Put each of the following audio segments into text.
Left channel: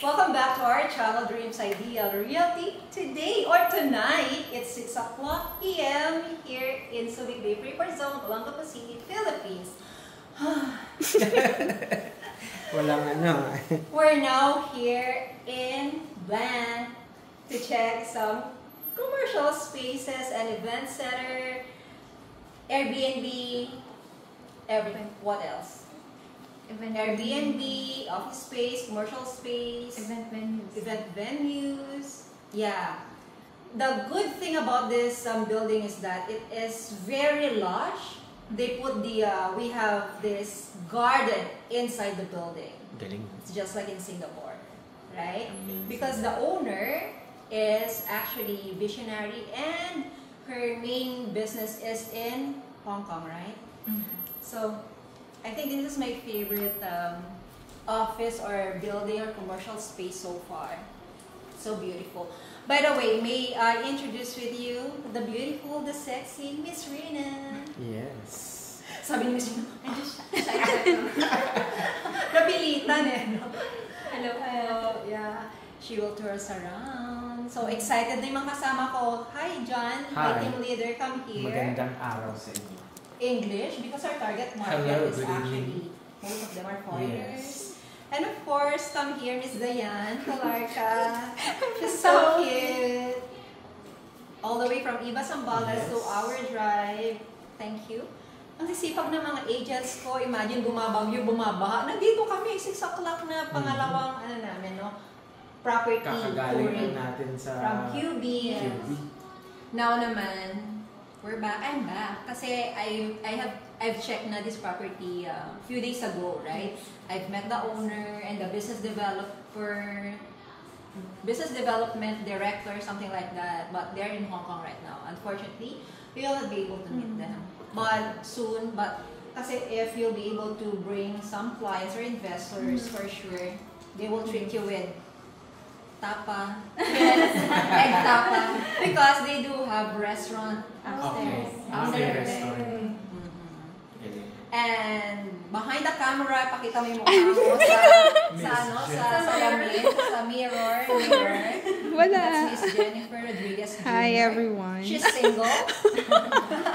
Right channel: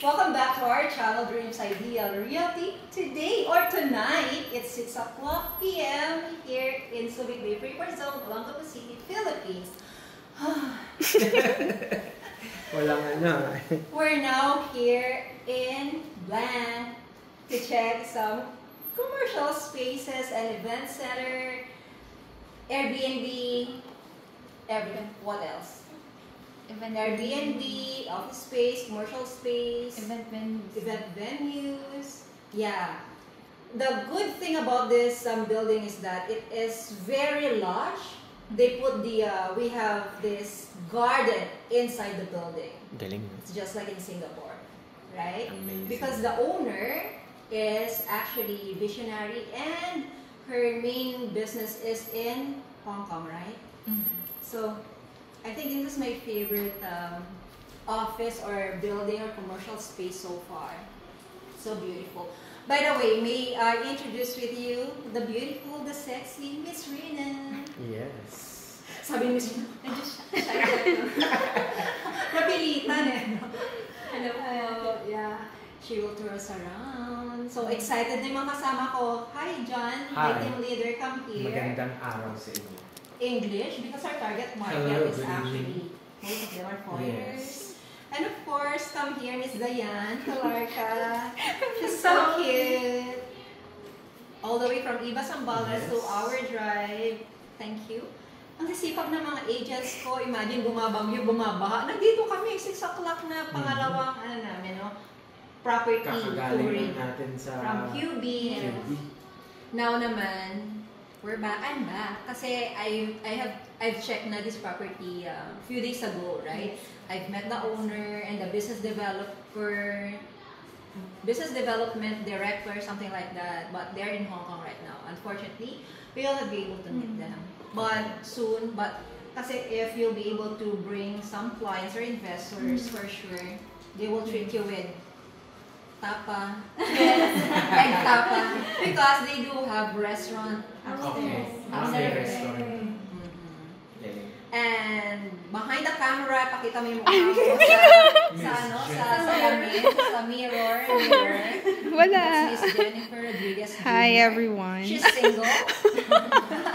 Welcome back to our channel, Dreams Ideal Realty. Today or tonight, it's 6 o'clock p.m. here in Subic Bay Freeport Zone, Olongapo City, Philippines. We're now here in Bland to check some commercial spaces and event center, Airbnb, everything. What else? Airbnb, office space, commercial space, event venues. Yeah. The good thing about this building is that it is very lush. They put we have this garden inside the building. It's just like in Singapore, right? Amazing. Because the owner is actually visionary and her main business is in Hong Kong, right? Mm-hmm. So I think this is my favorite office or building or commercial space so far. So beautiful. By the way, may I introduce with you the beautiful, the sexy Miss Rina? Yes. Sabi ni Miss Rina, I just napilitan eh. Hello. Yeah. She will tour us around. So excited na yung mga kasama ko. Hi, John. Hi. My team leader, come here. Magandang araw sa inyo. English, because our target market is actually, most of them are foreigners. Yes. And of course, come here, Miss Dayan Calarca. She's so cute. All the way from Iba Zambales to our drive. Thank you. Ang sisipag ng mga agents ko, imagine bumabagyo, bumabaha. Nandito kami, 6 o'clock na pangalawang, property touring natin sa from QB. Now naman, we're back. I'm back. Kasi I've checked na this property a few days ago, right? I've met the owner and the business development director, something like that. But they're in Hong Kong right now. Unfortunately, we will not be able to meet them. But soon, kasi if you'll be able to bring some clients or investors, for sure, they will treat you with tapa. Yes, egg tapa. Because they do have restaurant upstairs. And behind the camera, pakita mo yung mukha mo sa mirror. Wala. She's Jennifer Rodriguez. Hi, everyone. She's single.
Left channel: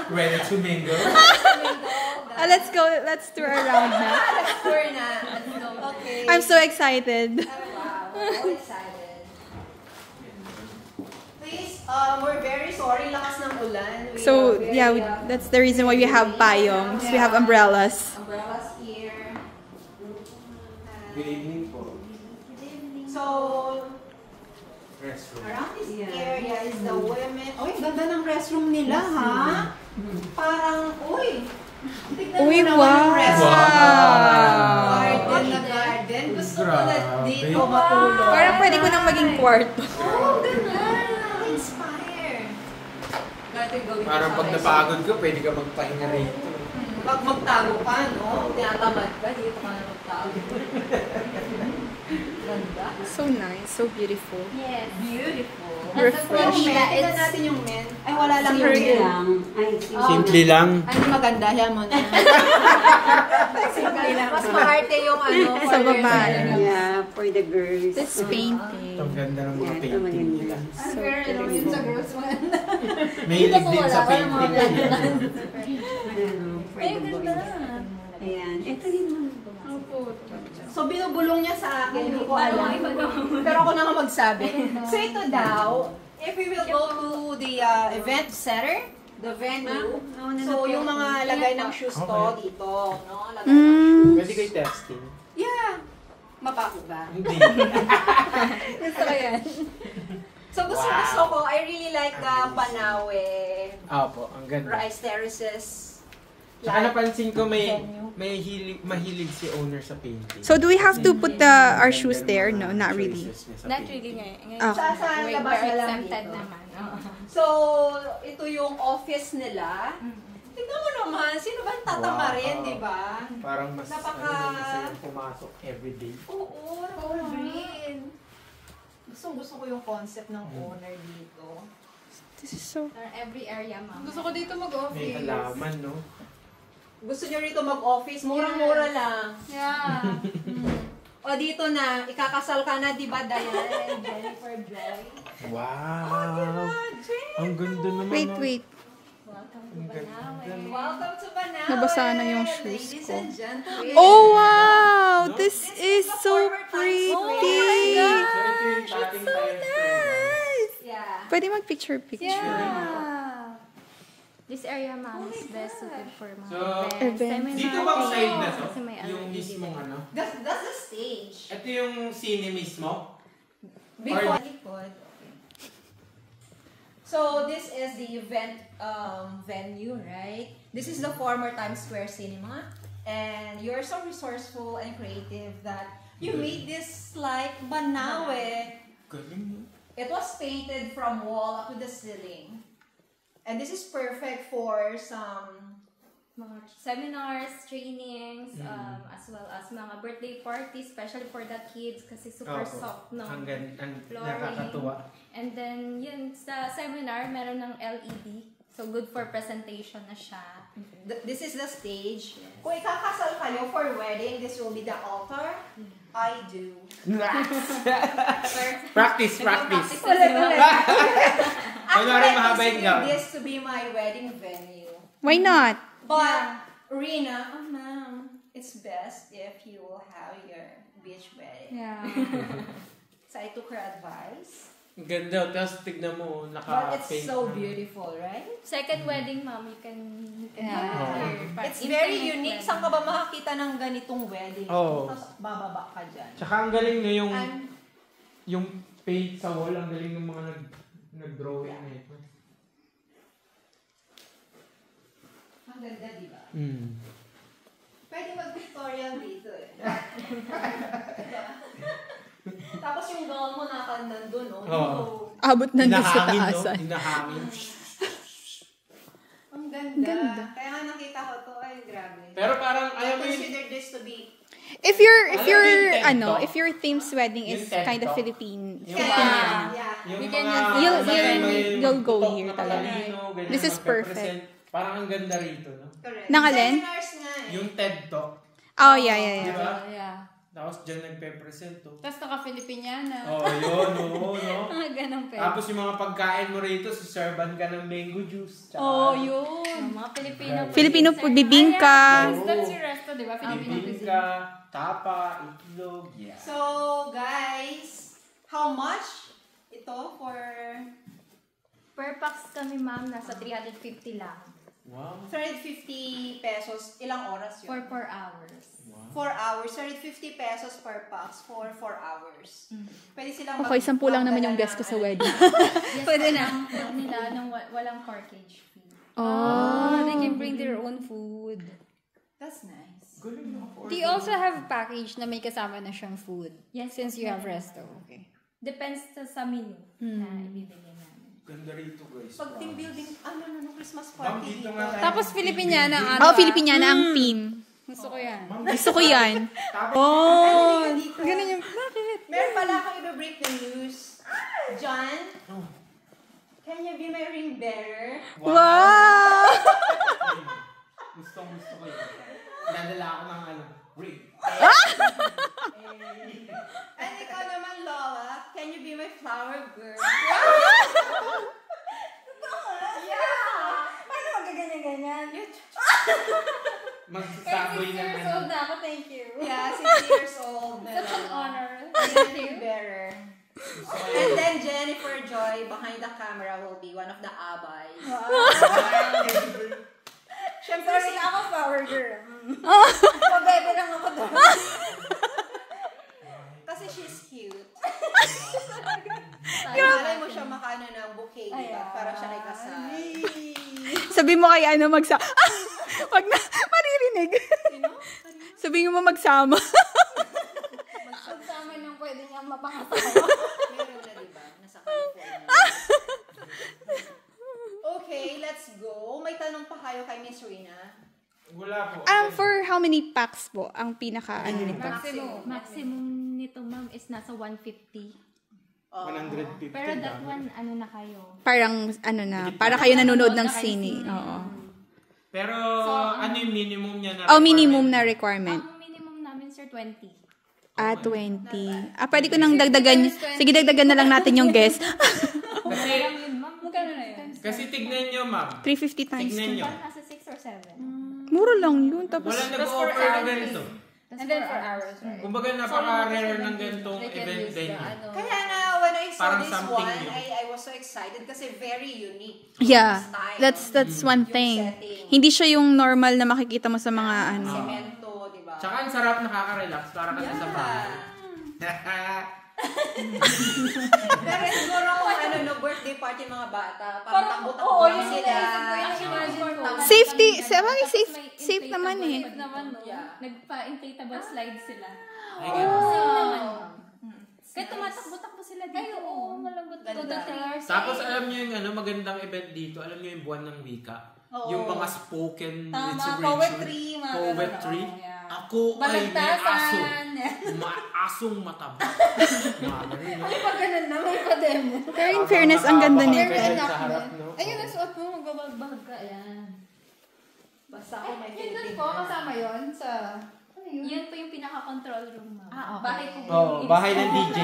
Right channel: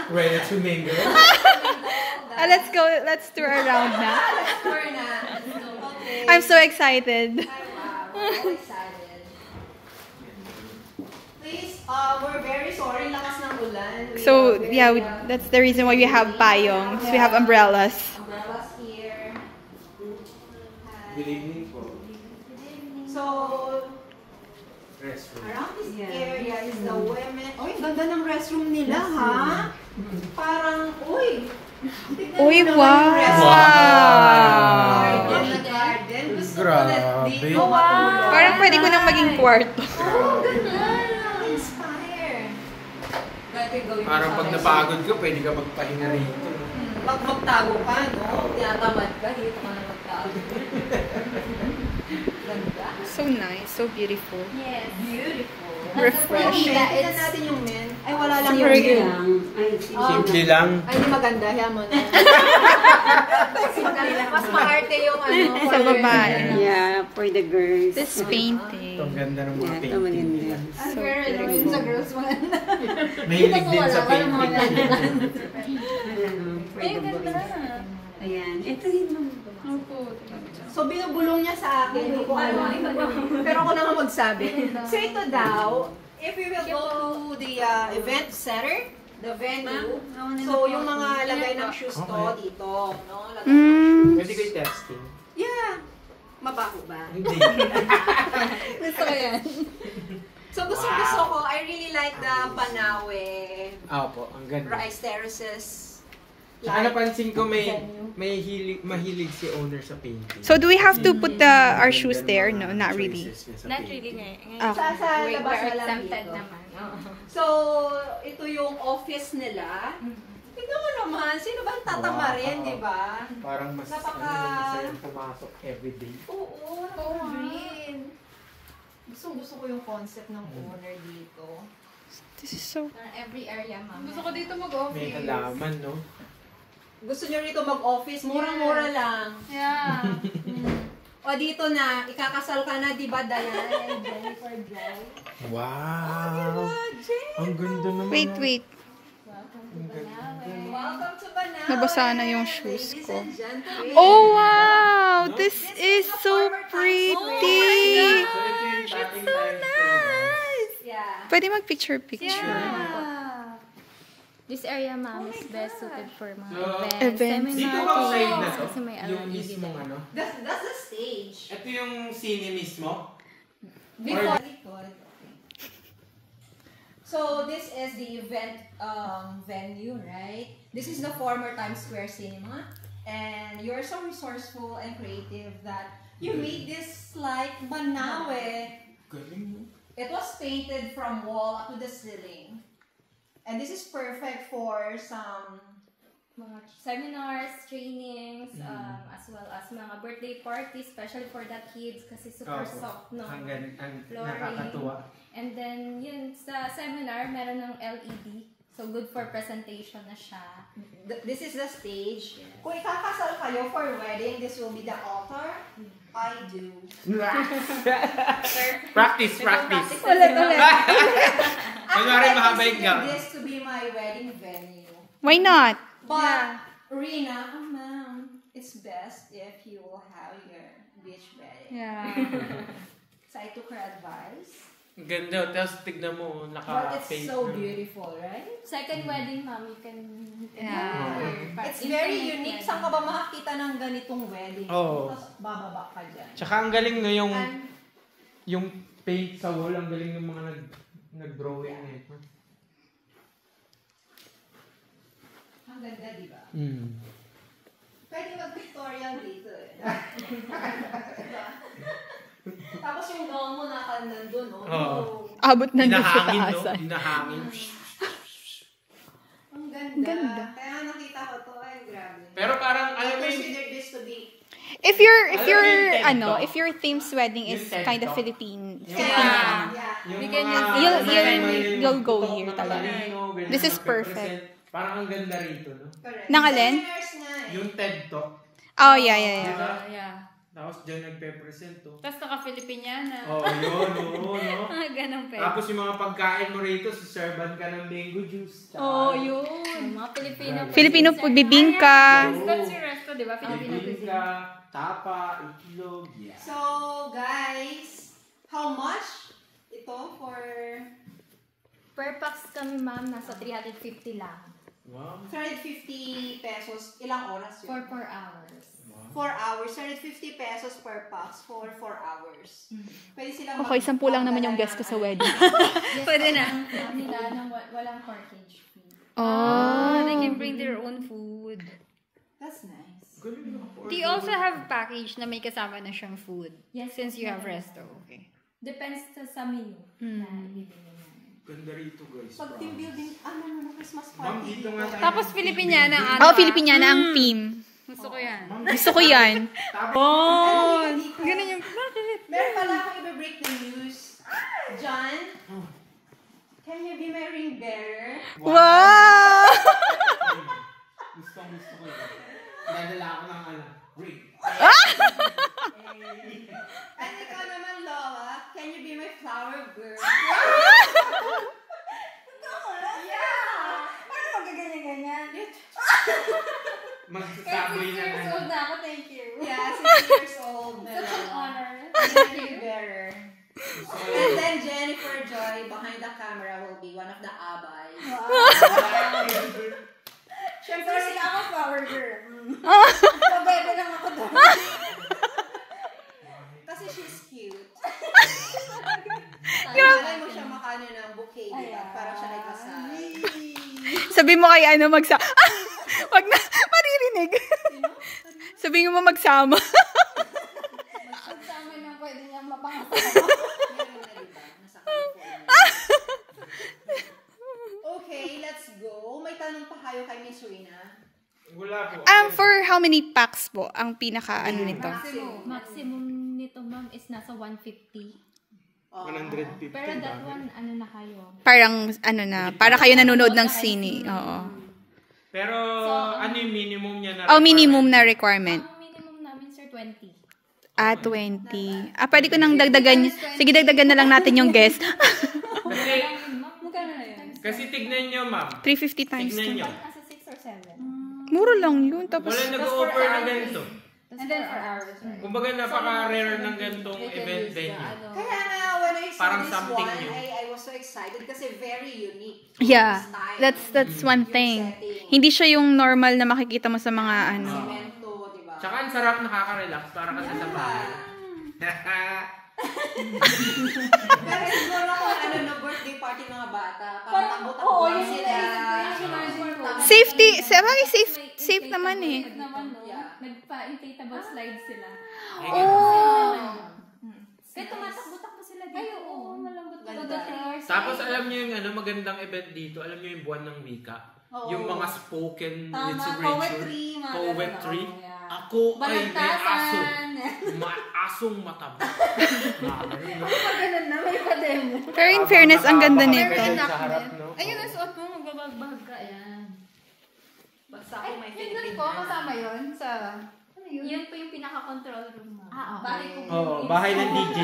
Ready to mingle. Let's go. Let's tour around now. Let's tour na. Okay. I'm so excited. Wow, we're all excited. Please, we're very sorry, lakas ng ulan. So yeah, that's the reason why we have payongs. We have umbrellas. Umbrellas here. Good evening po. So, Restroom. around this area is the women. Uy, ganda ng restroom nila, ha? Parang, uy. Uy, wow! Garden na garden. Gusto ko na dito matulog. Parang pwede ko nang maging kwarto. Oh, ganda. Inspire. Parang pag napagod ka, pwede ka magpahinga rito. Pag magtago ka, no? Tinatamad ka, dito ka na magtago. Ganda. So nice, so beautiful. Yes. Beautiful. Refreshing. Tignan natin yung men. Ay, wala lang yung men. Simple lang. Ay, maganda. Yan mo na. Simple lang. Mas maarte yung Sa babae. Yeah, for the girls. This painting. Ang ganda ng mga Ito maganda. painting nila. So beautiful. Sa girls one. Mahilig din sa painting. For the boys. Ayan. Ito yun. So, binubulong niya sa akin. Hindi ko alam. Pero ako naman magsabi. So, ito daw, if we will go to the event center, the venue, so yung mga lagay ng shoes to dito, no? Lagay ng shoes. Pwede kayo texting? Yeah. Mabaho ba? Hindi. Gusto ko yun. So, gusto ko. I really like the Panawe Opo, ang ganda. rice terraces. Saka napansin ko mahilig si owner sa painting. So do we have to put our shoes there? No, not really. Not really Oh. Sa labas na lang exempted dito. naman. So, ito yung office nila. Tignan mo naman, sino ba tatamarin, di ba? Parang mas masayang pumasok everyday. Oo, green. Gusto ko yung concept ng owner dito. This is so... Every area, ma'am. Gusto ko dito mag-office. May halaman, no? Gusto nyo rito mag-office? Murang-mura lang. Yeah. O dito na, ikakasal ka na, di ba, Diane and Jennifer Joy? Wow! Ang ganda naman. Wait. Welcome to Banawe. Welcome to Banawe! Nabasa na yung shoes Ladies ko. and gentlemen. Oh, wow! This is so pretty! It's so Nice! Yeah. Pwede mag-picture. This area, ma'am, is best suited for mga So, events. seminar, Dito bang side na to? Kasi may Yung LED mismong light. ano? That's the stage. Ito yung scene mismo? Before likod. Okay. So this is the event venue, right? This is the former Times Square Cinema, and you're so resourceful and creative that you made this like Banawe. Galing. It was painted from wall up to the ceiling, and this is perfect for some. Mga seminars, trainings, as well as mga birthday parties, especially for the kids kasi super soft no Ang flooring. nakakatuwa. And then, yun, sa seminar, meron ng LED. So, good for presentation na siya. This is the stage. Kung ikakasal kayo for wedding, this will be the altar. I do. Practice. Ulit. Kunwari I mahaba yung consider gown. this to be my wedding venue. Why not? But, Rina, oh ma'am, it's best if you will have your beach wedding. Yeah. So I took her advice. Ganda. Tapos tignan mo, But it's naka-pink. so beautiful, right? Second wedding, ma'am, you can It's very unique. Saan ka ba makakita ng ganitong wedding? Oo. Tapos bababa ka dyan. Tsaka ang galing no yung And, yung paint sa wall, ang galing ng mga nag-drawing nito. ang ganda, di ba? Mm. Pwede mag-pictorial dito eh. Diba? Tapos yung gown mo nandun, no? Oo. Abot na doon sa Hinahangin, no? taasan. Hinahangin. Ang ganda. Kaya nga nakita ko to, ay grabe. Pero parang, I alam mo yun, consider this to be If your Ano, if your theme's wedding is yung tent kind of to? Philippine, Yung Filipino. yeah. yung We can mga- you'll go tutok here na talaga. Pilipino, ganyan This is magpe-present. perfect. Parang ang ganda rito, no? Correct. Nangalin? Seminars nga eh. Yung TED Talk. Oh, yeah. Diba? Yeah. Tapos dyan nagpe-present, to. Tapos naka-Filipiniana. Oh, yun, oo, no? Ganun pa. Tapos yung mga pagkain mo rito, siserban ka ng mango juice. Tsaka, Yun. Mga Filipino. Filipino food, bibingka. That's your resto, di ba? Filipino cuisine. bibingka, tapa, itlog, yeah. So, guys, how much ito for Per pax kami, ma'am, nasa 350 lang. Wow. 350 pesos? Ilang oras For yun? 4 hours. 4 hours. 350 pesos per pax for 4 hours. Pwede silang Okay, 10 lang naman yung guest ko sa wedding. Pwede na. Nila nang walang cartage fee. Oh. They can bring their own food. That's nice. Do you also have package na may kasama na siyang food? Yes, Since you have meron. resto. Okay. Depends sa menu na ibibigay namin. Ganda rito, guys. Pag team building, Christmas Ma'am, party. dito nga tayo. Tapos Filipiniana ang Oh, Filipiniana ang theme. Gusto ko yan. Gusto ko yan. Oh! Ganun yung... Meron pala akong i-break the news. John, can you be my ring bearer? Wow! Gusto ko yun. Dadala ako ng ring. And ikaw naman, Lola, can you be my flower girl? Yeah! Ano magaganyan-ganyan? Magsasaboy na Years old na ako, thank you. Yeah, 6 years old. Such an honor. Ring bearer. And then Jennifer Joy behind the camera will be one of the abays. Siyempre, Sorry na ako, flower girl. Pabebe lang ako doon. kasi she's cute. Malay mo siya makano ng bouquet, di ba? Para siya ay kasal. Sabi mo kay ano wag na, maririnig. Sabi mo magsama. Magsama nang pwede niya mapangasa. Meron na, di ba? Nasa California. Okay, let's go. May tanong pa kayo kay Miss Rina. Wala po. For how many packs po ang pinaka nito? Maximum nito, ma'am, is nasa 150. 150. Pero that one, ano na kayo? Parang para kayo nanonood ng sine. Oo. Pero ano yung minimum niya na? Oh, minimum na requirement. Ang minimum namin, sir, 20. 20. Pwede ko nang dagdagan. Sige, dagdagan na lang natin yung guest. Kasi tignan nyo, ma'am. 350 times. Tignan nyo. Nasa 6 or 7. Mura lang yun. Tapos, Wala nag-offer na ganito. And then 4 hours. Right? Kumbaga napaka-rare ng ganitong event venue. Kaya nga, when I saw Parang this something one, new. I was so excited kasi very unique. yeah. Style. That's one thing. Hindi siya yung normal na makikita mo sa mga ano. Cemento, di ba? Tsaka ang sarap, nakaka-relax. Para kasi sa bahay. Pero siguro kung ano na birthday party mga bata, parang takbo-takbo lang sila. Safety. Safe naman eh. Naman, no? Nagpa-inflatable slide sila. Oh. Kaya tumatakbo-takbo sila dito. Oo, malambot na. 3 hours. Tapos alam niyo yung magandang event dito, alam niyo yung buwan ng wika? Yung mga spoken literature. Poetry. Ako ay may aso. Asong mataba. Ganun na, may pa-demo. Pero in fairness, ang ganda nito. Sa harap, no? Ayun, nasuot mo, magbabag ka. Ayan. Basta ako may Yun dun Philippine ko, kasama yun sa... Yun po yung pinaka-control room, ma'am. okay. Bahay ko po. Oh, bahay ng DJ.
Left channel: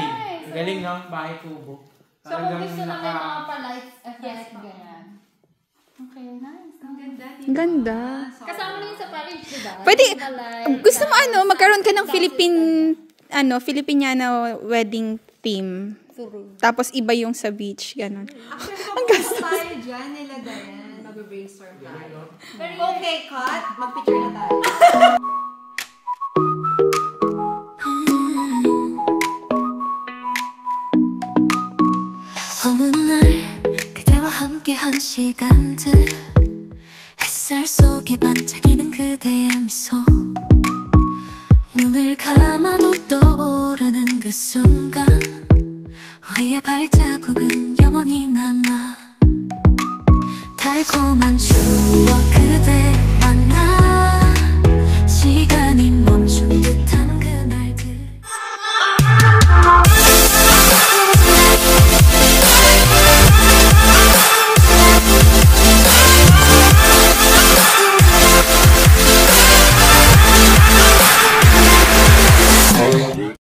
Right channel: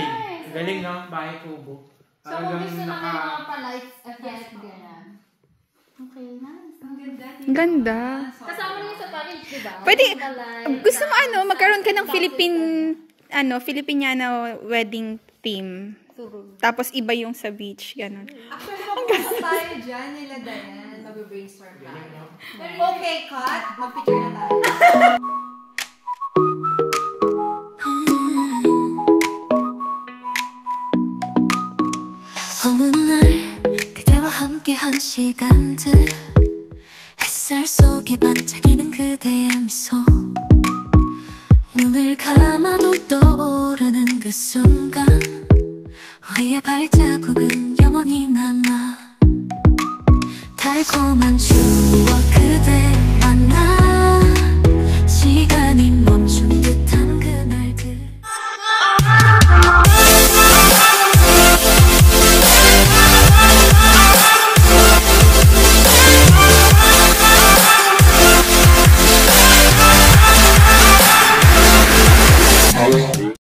Galing no? Bahay kubo. So, kung gusto lang yung mga pa-lights effect, ganyan. Okay, nice. Ang ganda. Ang ganda. Kasama rin sa package, di ba? Pwede, Light. gusto mo magkaroon ka ng Filipiniana wedding theme. Tapos iba yung sa beach, ganun. Actually, mag-post tayo dyan nila Dayan. Mag-brainstorm tayo. Okay, cut. Mag-picture na tayo. 어느 날 그대와 함께한 시간들 햇살 속에 반짝이는 그대의 미소 눈을 감아도 떠오르는 그 순간 우리의 발자국은 영원히 남아 달콤한 추억 그대